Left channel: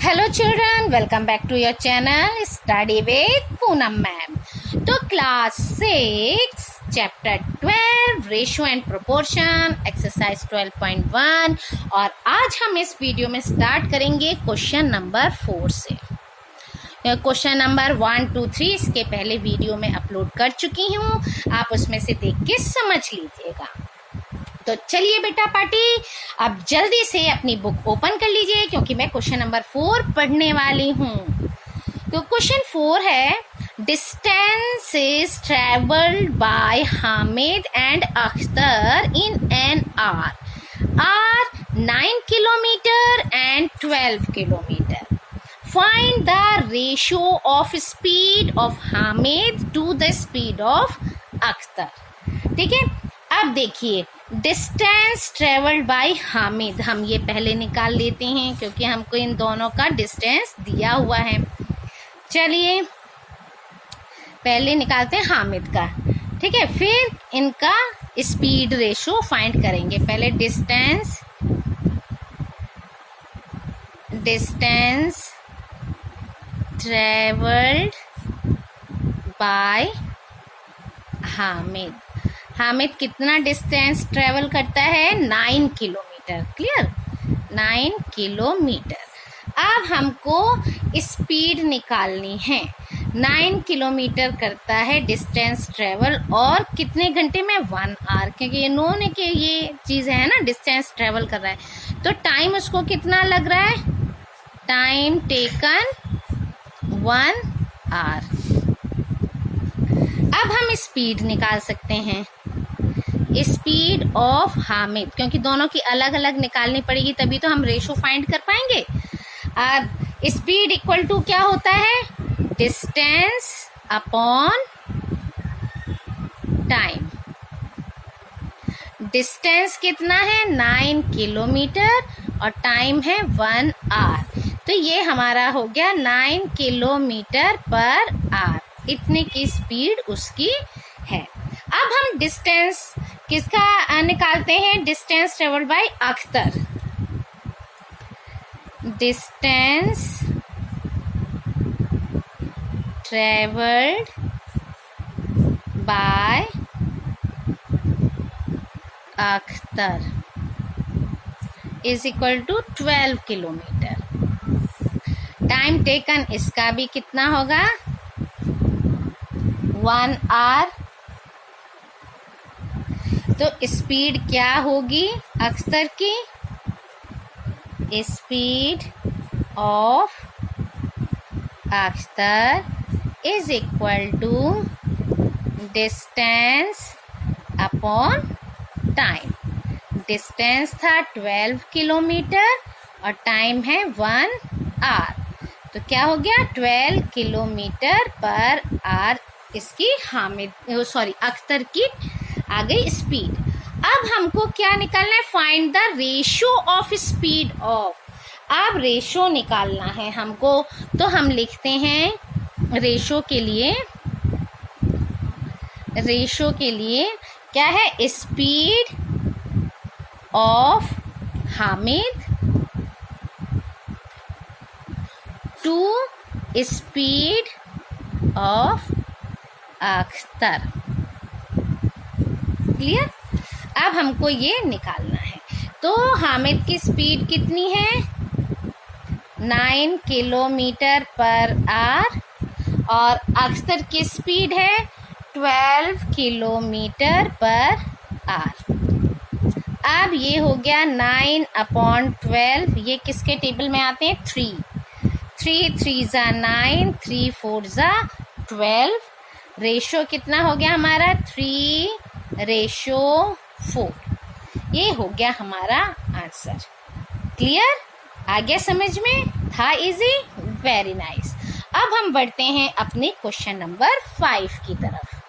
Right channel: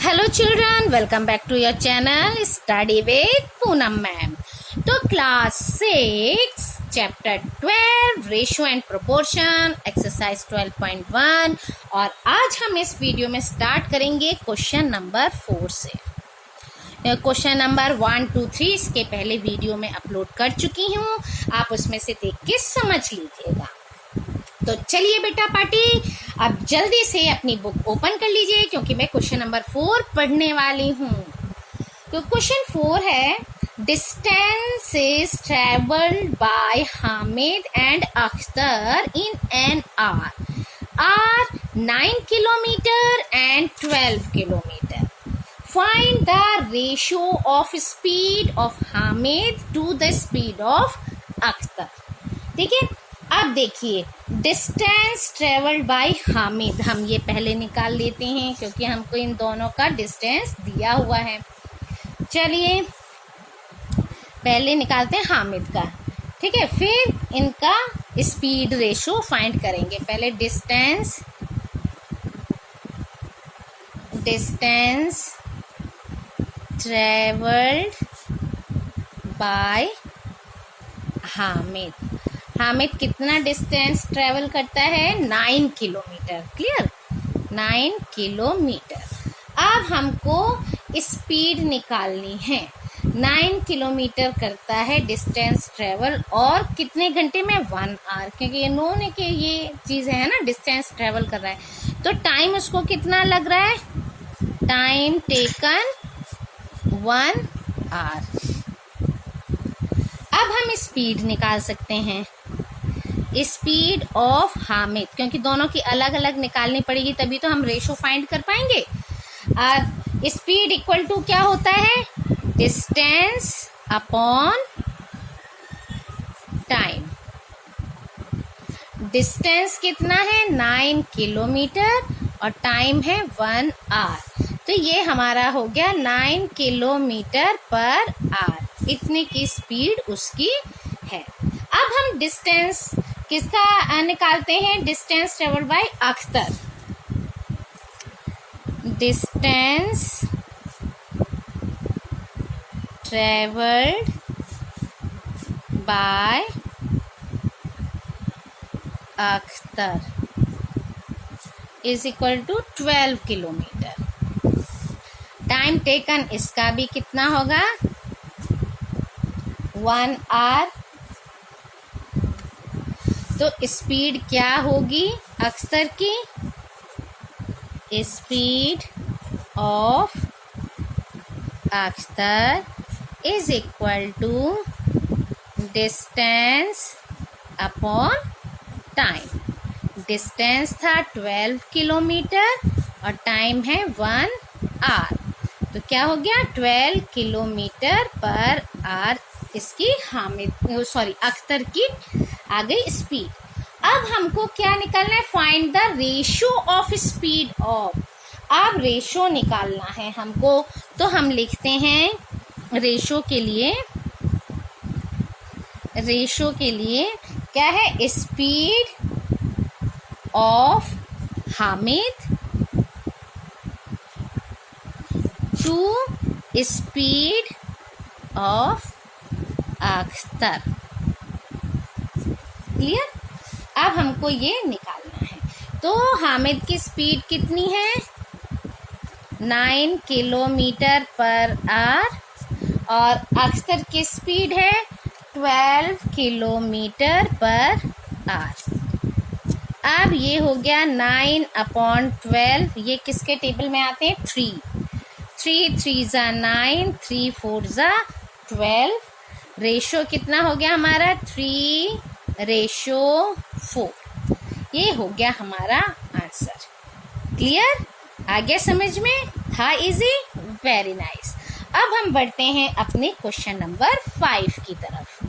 Hello children, welcome back to your channel study with Poonam ma'am. तो class 6 chapter 12 ratio and proportion exercise 12.1 और आज हम इस video में स्टार्ट करेंगे क्वेश्चन नंबर 4 से। क्वेश्चन नंबर 1, 2, 3 इसके पहले वीडियो में अपलोड कर चुकी हूँ, आप उसमें से देख के समझ लीजिएगा। तो चलिए बेटा पार्टी, अब जल्दी से अपनी बुक ओपन कर लीजिए क्योंकि मैं क्वेश्चन नंबर 4 पढ़ने वाली हूँ। तो क्वेश्चन 4 है, distance is travelled by Hamid and Akhtar in an hour 9 kilometre and 12 kilometre. Find the ratio of speed of Hamid to the speed of Akhtar. ठीक है, अब देखिए डिस्टेंस ट्रेवल्ड बाय हामिद, हम ये पहले निकाल लेते हैं क्योंकि हमको इन दोनों का डिस्टेंस दिया हुआ है। चलिए पहले निकालते हैं हामिद का, ठीक है, फिर इनका स्पीड रेशो फाइंड करेंगे। पहले distance travelled by Hamid. Hamid कितना डिस्टेंस ट्रेवल करता है? 9 किलोमीटर। Clear, 9 kilometre. अब हमको स्पीड निकालनी है। 9 किलोमीटर करता है डिस्टेंस ट्रेवल और कितने घंटे में? 1 आवर, क्योंकि ये नोन है कि ये चीज़ है ना, डिस्टेंस ट्रेवल कर रहा है। तो टाइम उसको कितना लग रहा है? Time taken 1 hour. अब हम स्पीड निकाल सकते हैं, स्पीड ऑफ हामिद, क्योंकि दोनों की अलग अलग निकालनी पड़ेगी तभी तो हम रेशो फाइंड कर पाएंगे। अब स्पीड इक्वल टू क्या होता है? Distance upon time. डिस्टेंस कितना है? 9 किलोमीटर और टाइम है 1 आवर। तो ये हमारा हो गया 9 किलोमीटर पर आवर, इतने की स्पीड उसकी है। अब हम डिस्टेंस किसका निकालते हैं? Distance travelled by Akhtar. Distance travelled by Akhtar is equal to 12 kilometre. Time taken इसका भी कितना होगा? 1 आवर। तो स्पीड क्या होगी अख्तर की? Speed of Akhtar is equal to distance upon time. Distance था 12 किलोमीटर और टाइम है 1 आवर, तो क्या हो गया? 12 किलोमीटर पर आवर इसकी अख्तर की आ गई स्पीड। अब हमको क्या निकालना है? Find the ratio of speed of. अब रेशियो निकालना है हमको, तो हम लिखते हैं रेशियो के लिए क्या है? Speed of Hamid to speed of Akhtar. Clear? अब हमको ये निकालना है। तो हामिद की स्पीड कितनी है? 9 किलोमीटर पर आवर और अख्तर की स्पीड है 12 किलोमीटर पर आवर। अब ये हो गया 9 अपॉन 12, ये किसके टेबल में आते हैं? 3 3 ज़ा 9, 3 4 ज़ा 12। रेशो कितना हो गया हमारा? 3:4। ये हो गया हमारा आंसर। क्लियर? आ गया समझ में? था इजी? Very nice. अब हम बढ़ते हैं अपने क्वेश्चन नंबर 5 की तरफ।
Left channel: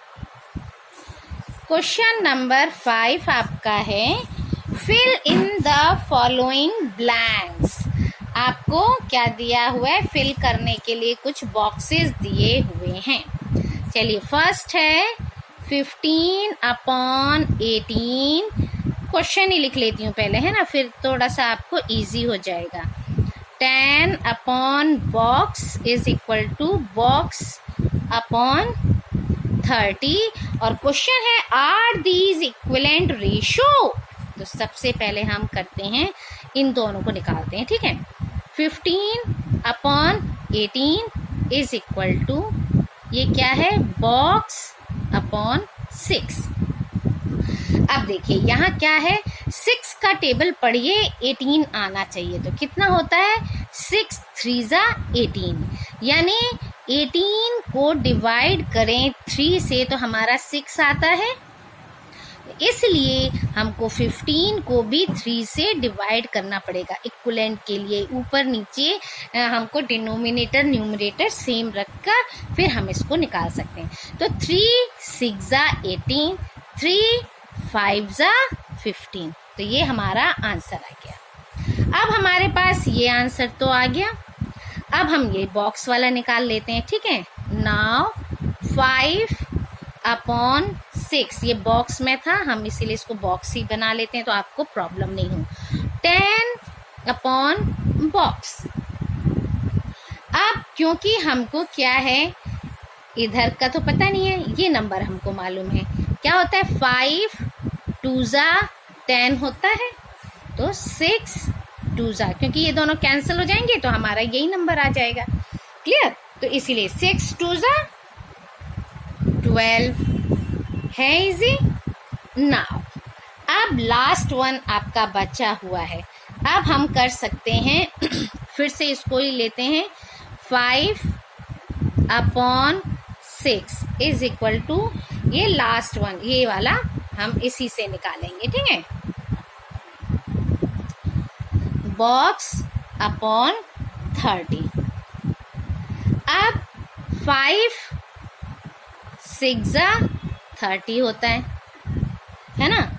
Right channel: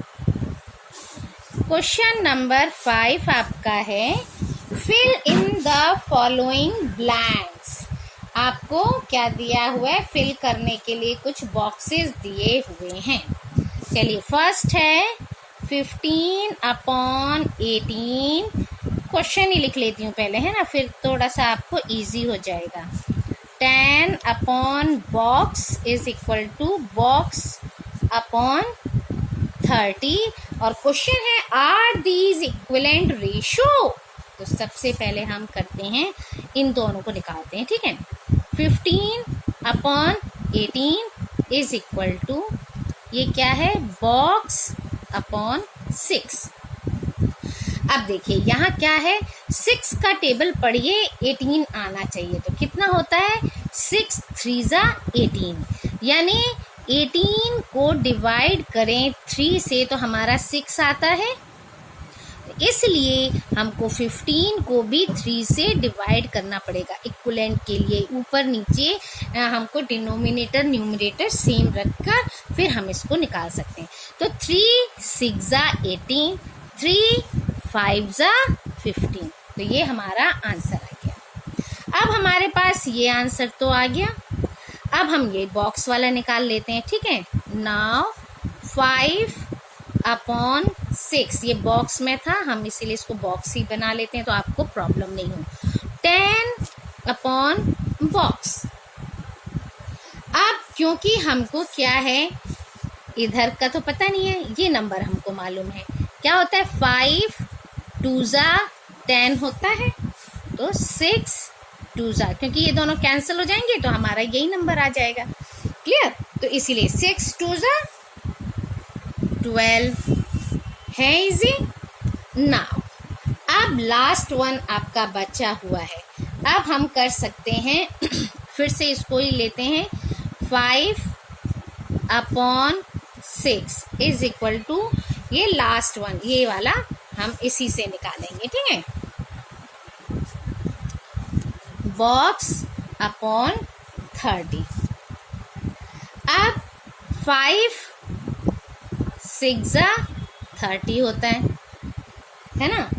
क्वेश्चन नंबर 5 आपका है, fill in the following blanks. आपको क्या दिया हुआ है? फिल करने के लिए कुछ बॉक्सेस दिए हुए हैं। चलिए, फर्स्ट है 15 अपॉन 18। क्वेश्चन ही लिख लेती हूँ पहले, है ना, फिर थोड़ा सा आपको इजी हो जाएगा। 10 upon box is equal to box upon 30। और क्वेश्चन है आर दीज इक्विवेलेंट रेशो। तो सबसे पहले हम करते हैं, इन दोनों को निकालते हैं, ठीक है। 15 अपॉन 18 इज इक्वल टू, ये क्या है, बॉक्स अपॉन 6। अब देखिए यहाँ क्या है, 6 का टेबल पढ़िए, 18 आना चाहिए। तो कितना होता है, 6 3 जा 18, यानी 18 को डिवाइड करें 3 से तो हमारा 6 आता है। इसलिए हमको 15 को भी 3 से डिवाइड करना पड़ेगा इक्विवेलेंट के लिए। ऊपर नीचे हमको डिनोमिनेटर न्यूमरेटर सेम रखकर फिर हम इसको निकाल सकते हैं। तो 3 6 जा 18, 3 5 जा 15। तो ये हमारा आंसर आ गया। अब हमारे पास ये आंसर तो आ गया। अब हम ये बॉक्स वाला निकाल लेते हैं, ठीक है। नाउ 5 अपॉन 6, ये बॉक्स में था, हम इसीलिए इसको बॉक्स ही बना लेते हैं तो आपको प्रॉब्लम नहीं हो। 10 अपॉन बॉक्स। अब क्योंकि हमको क्या है, इधर का तो पता नहीं है, ये नंबर हमको मालूम है क्या होता है, 5 2 जा 10 होता है। तो 6 2 जा, क्योंकि ये दोनों कैंसिल हो जाएंगे तो हमारा यही नंबर आ जाएगा। क्लियर। तो इसीलिए 6 2 जा 12 है इजी। नाउ अब लास्ट वन आपका बचा हुआ है। अब हम कर सकते हैं फिर से इसको ही लेते हैं, 5 अपॉन 6 इज इक्वल टू, ये लास्ट वन, ये वाला हम इसी से निकालेंगे, ठीक है। Box upon 30। अब 5 6 जा 30 होता है ना।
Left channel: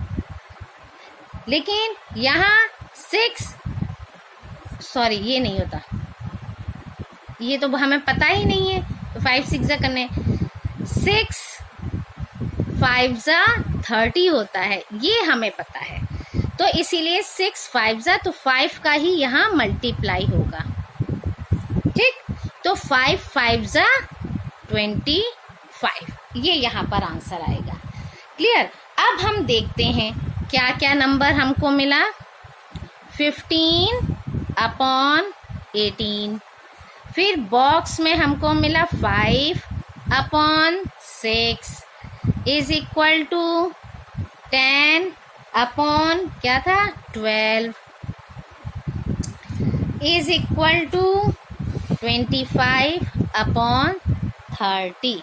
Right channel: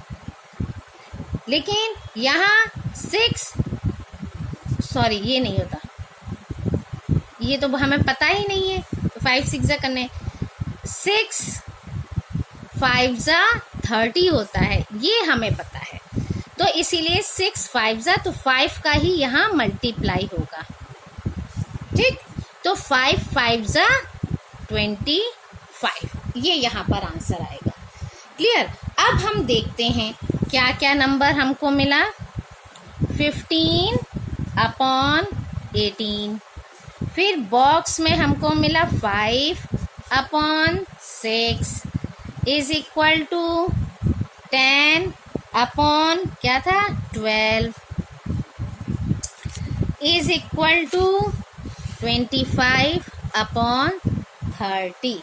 लेकिन यहाँ 6, सॉरी ये नहीं होता, ये तो हमें पता ही नहीं है। तो 5 6 जा करने, 6 5 जा 30 होता है, ये हमें पता है। तो इसीलिए 6 5 जा, तो 5 का ही यहाँ मल्टीप्लाई होगा, ठीक। तो 5 5 जा 25, ये यहाँ पर आंसर आएगा। क्लियर। अब हम देखते हैं क्या क्या नंबर हमको मिला। 15 अपॉन 18, फिर बॉक्स में हमको मिला 5 upon 6 is equal to 10 upon क्या था 12 इज इक्वल टू 25 अपॉन 30।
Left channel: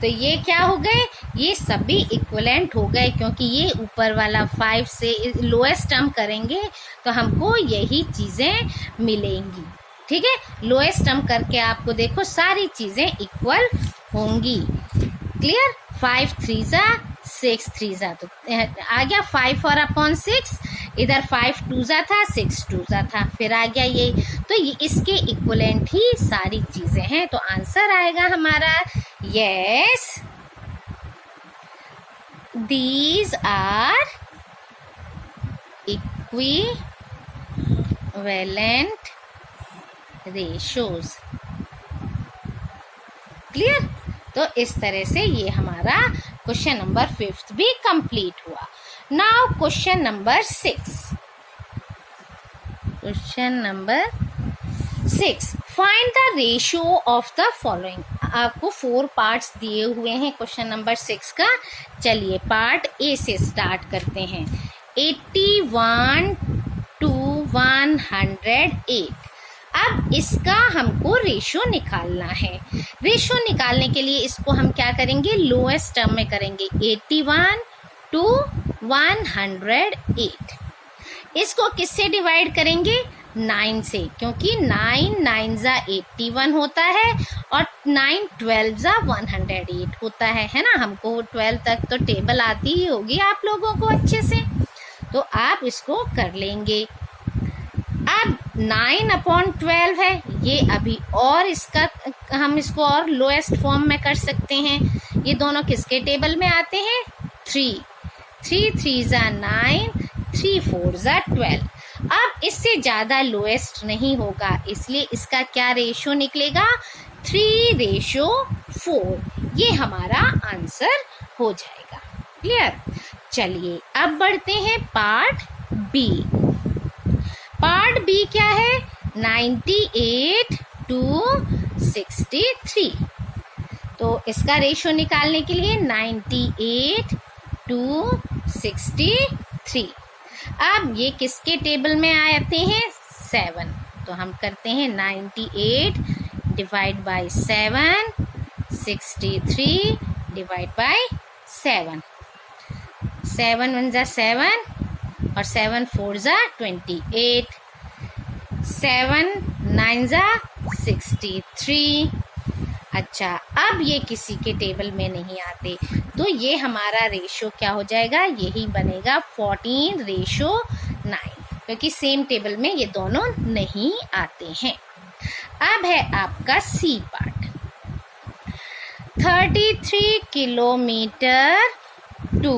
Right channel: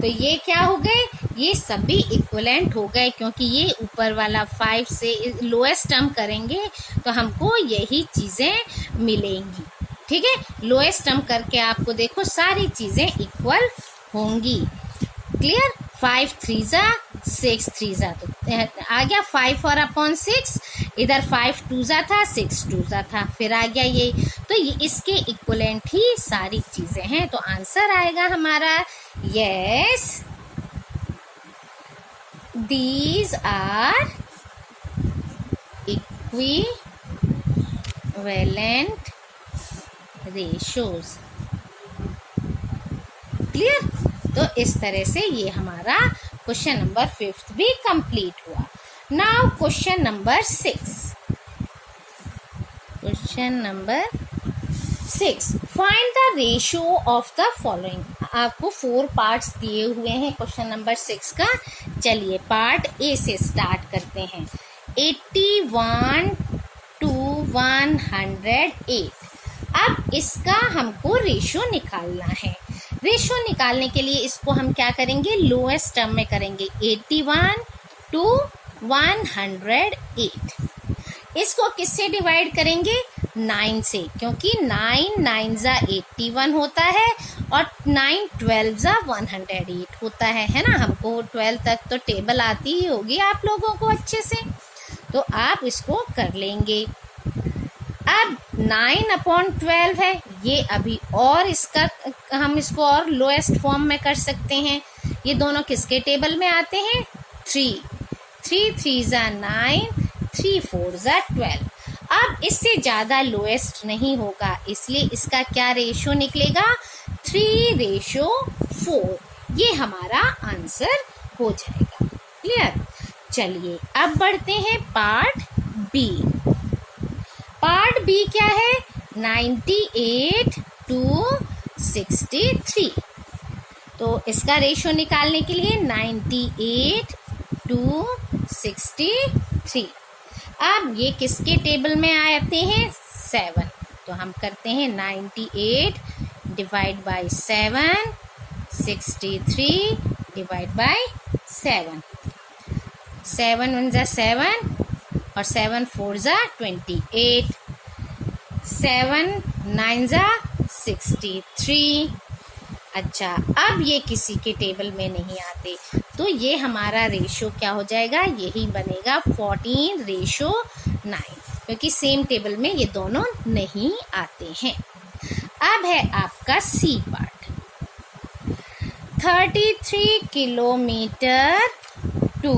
तो ये क्या हो गए, ये सभी इक्विवेलेंट हो गए, क्योंकि ये ऊपर वाला 5 से लोएस्ट टर्म करेंगे तो हमको यही चीज़ें मिलेंगी, ठीक है। लोएस्ट टर्म करके आपको देखो सारी चीज़ें इक्वल होंगी। क्लियर। 5 3 जा 6 3 जा, तो आ गया 5 और अपॉन 6, इधर 5 2 जा था, 6 2 जा था, फिर आ गया ये। तो ये इसके इक्विवेलेंट ही सारी चीज़ें हैं। तो आंसर आएगा हमारा yes, these are equivalent ratios. Clear. तो इस तरह से ये हमारा क्वेश्चन नंबर 5 भी कंप्लीट हुआ। Now question number 6। Question number 6, find the ratio of the following. आपको 4 पार्ट्स दिए हुए हैं क्वेश्चन नंबर 6 का। चलिए पार्ट ए से स्टार्ट करते हैं। 81 to 108। अब इसका हमको रेशो निकालना है। रेशो निकालने के लिए इसको हम क्या करेंगे, लोएस्ट टर्म में करेंगे। 81 to 108, इसको किससे डिवाइड करेंगे, 9 से, क्योंकि 9 9 जा 81 होता है और 9 12 जा 108 होता है ना। हमको 12 तक तो टेबल आती ही होगी आप लोगों को अच्छे से, तो आप इसको कर लेंगे। अब 9 अपॉन 12 है, ये अभी और इसका हम इसको और लोएस्ट फॉर्म में कर सकते हैं। ये दोनों किसके टेबल में आते हैं, 3 3 3 जा 9, 3 4 जा 12। अब इससे ज़्यादा लोएस्ट नहीं होगा, इसलिए इसका क्या रेशो निकलेगा, 3:4। ये हमारा आंसर हो जाएगा। क्लियर। चलिए अब बढ़ते हैं पार्ट बी। पार्ट बी क्या है, 98 to 63। तो इसका रेशो निकालने के लिए 98 to 63। अब ये किसके टेबल में आते हैं, 7। तो हम करते हैं 98 डिवाइड बाय 7, 63 डिवाइड बाय 7। 7 1 जा 7 और 7 4 जा 28, 7 9 जा 63। अच्छा, अब ये किसी के टेबल में नहीं आते, तो ये हमारा रेशो क्या हो जाएगा, यही बनेगा 14:9, क्योंकि सेम टेबल में ये दोनों नहीं आते हैं। अब है आपका C part, 33 kilometre to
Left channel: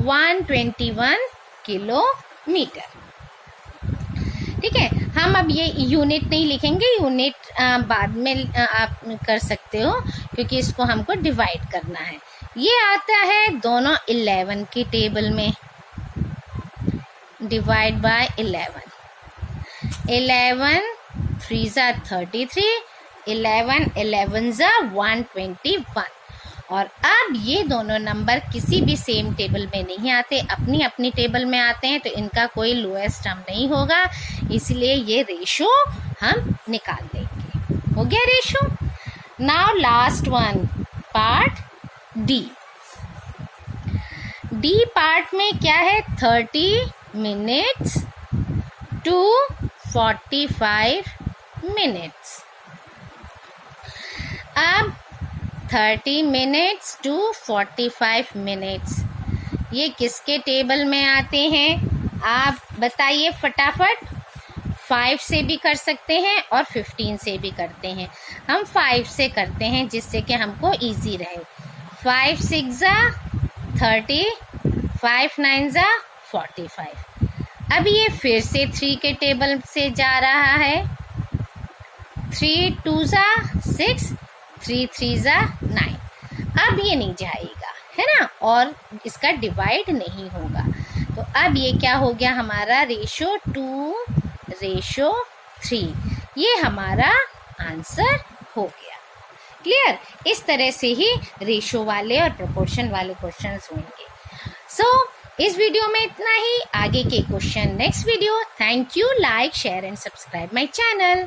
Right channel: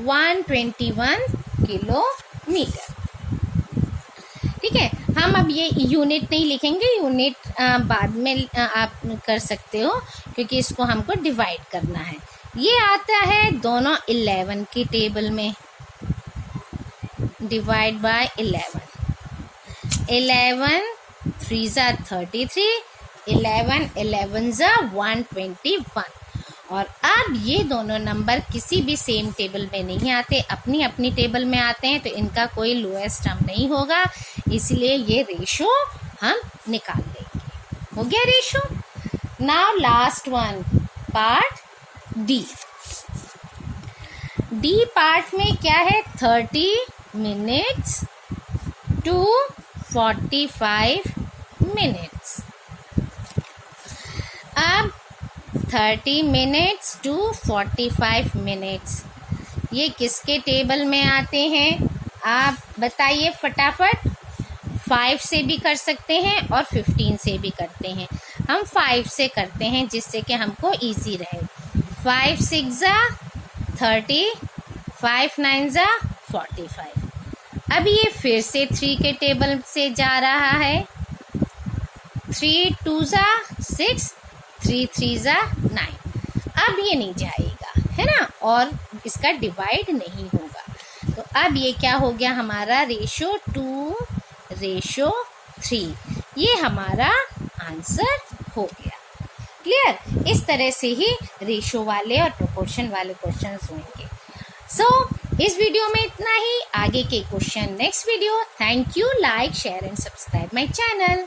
121 kilometre. ठीक है, हम अब ये यूनिट नहीं लिखेंगे, यूनिट बाद में आप कर सकते हो, क्योंकि इसको हमको डिवाइड करना है। ये आता है दोनों 11 की टेबल में, डिवाइड बाय 11, 11 3 जा 33, 11 11 जा 121। और अब ये दोनों नंबर किसी भी सेम टेबल में नहीं आते, अपनी अपनी टेबल में आते हैं, तो इनका कोई लोएस्ट टर्म नहीं होगा, इसलिए ये रेशो हम निकाल लेंगे। हो गया ratio. Now last one, part D. D part में क्या है, 30 मिनट्स टू 45 मिनट्स। अब 30 मिनट्स टू 45 मिनट्स ये किसके टेबल में आते हैं, आप बताइए फटाफट। 5 से भी कर सकते हैं और 15 से भी करते हैं। हम 5 से करते हैं जिससे कि हमको इजी रहे। 5 6 जा 30, 5 9 जा 45। अब ये फिर से 3 के टेबल से जा रहा है। 3 2 जा 6, 3 3 जा 9। अब ये नहीं जाएगा, है ना, और इसका डिवाइड नहीं होगा। तो अब ये क्या हो गया, हमारा रेशो 2:3। ये हमारा आंसर हो गया। क्लियर। इस तरह से ही रेशो वाले और प्रोपोर्शन वाले क्वेश्चंस होंगे। सो इस वीडियो में इतना ही। आगे के question next video. Thank you. Like share and subscribe my channel.